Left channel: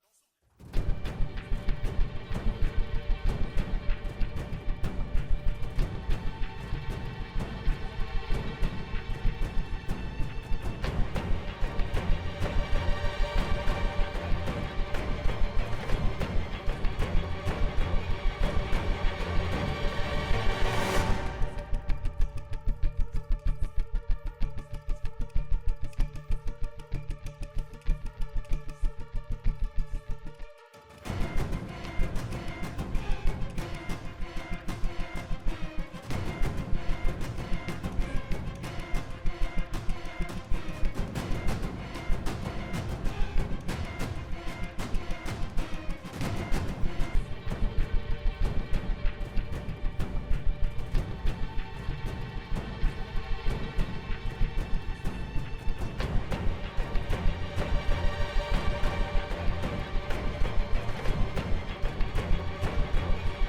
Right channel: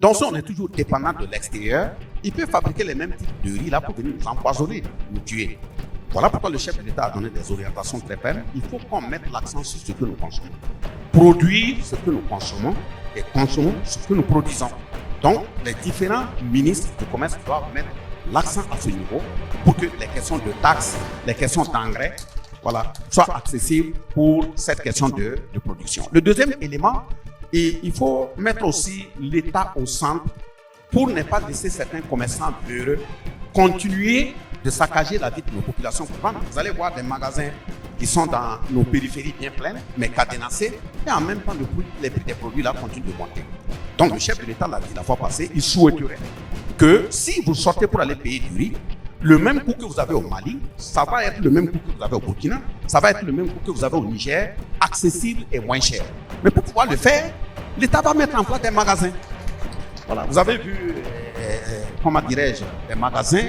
Donc, si on est toujours dépendant de l'extérieur, il peut fabriquer les mêmes types de riz là pour venir nous empoisonner, nous tuer. Voilà pourquoi le chef de l'État a donné des orientations très fermes. Il faut qu'on mette l'accent sur ce que nous consommons. Produire ce que nous consommons et consommer ce que nous produisons. Donc, les différents ministres du commerce doivent mettre l'accent à ce niveau pour que les questions de taxes, les questions d'engrais, voilà, soient accessibles pour cette question de production. Le deuxième élément, il faut mettre aussi l'État au centre pour ne pas laisser certains commerçants heureux continuer de saccager la vie de nos populations. Vous allez voir des magasins qui sont dans nos périphéries bien pleines, mais cadenassés, et en même temps, les prix des produits là continuent de monter. Donc, le chef de l'État l'a dit la fois passée, il souhaiterait que si vous sortez pour aller payer du riz, le même coût que vous avez au Mali, ça va être le même coût que vous avez au Burkina, ça va être le même coût que vous avez au Niger, accessible et moins cher. Mais pour pouvoir le faire, l'État va mettre en place des magasins. Voilà, vous avez vu, comment dirais-je, les magasins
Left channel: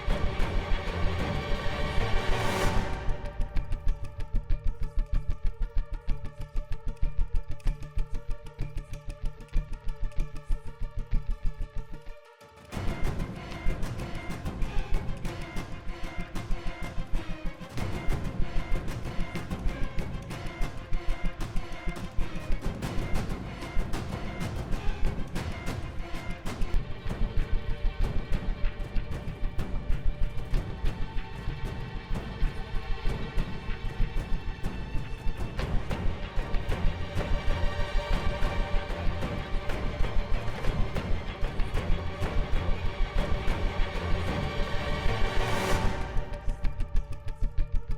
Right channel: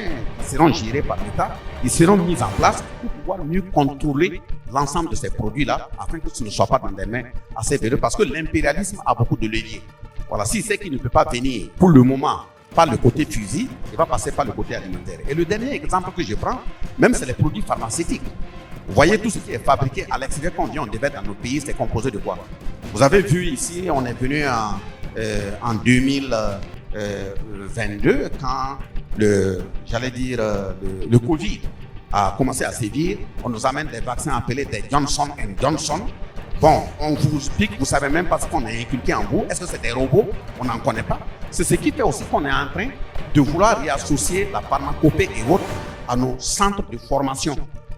seront gérés par l'État, ils seront mis en place pour pouvoir mieux contrôler l'ensemble de ces produits-là, afin que ce ne soit pas dans des mains assez véreux, parce que l'impérialisme a beaucoup de leviers. Voilà, s'il sait qu'il ne peut pas venir pour le moment par le côté fusil, il va passer par le côté alimentaire. Et le dernier exemple que je prends, même c'est les produits pharmaceutiques. Vous voyez tout ce qui est fabriqué à l'extérieur quand on vient, on devait dans nos pays, c'est composé de quoi? Vous avez vu ici, on est venu en 2022 quand le Covid a commencé à sévir. On nous amène des vaccins appelés des Johnson & Johnson. Bon, on vous explique, vous ne savez même pas ce qu'on a inculqué en vous. Est-ce que c'est des robots? On n'en connaît pas. C'est ce qui fait aussi qu'on est en train de vouloir réassocier la pharmacopée et autres à nos centres de formation,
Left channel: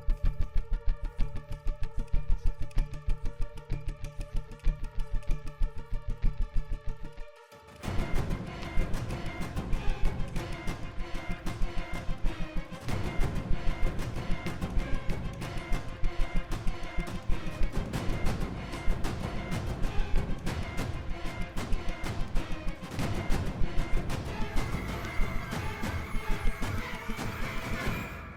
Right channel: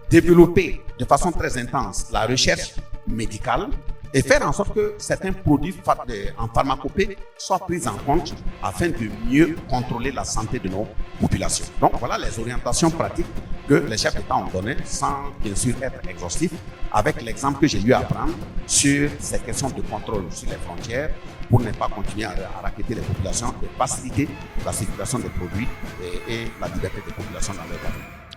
développer de façon très intense la recherche médicale et faire en sorte que certains produits en pharmacopée soient pris en compte afin de mieux contrôler la santé de nos populations. Donc voilà les orientations pratiques que les chefs d'État ont données, sans bien sûr être exhaustifs, avec l'exemple que j'ai eu à prendre sur ces questions de contrôle sur les frontières pour ne pas continuer à racketter les populations, de faciliter la circulation des produits et la liberté des populations dans leur pays.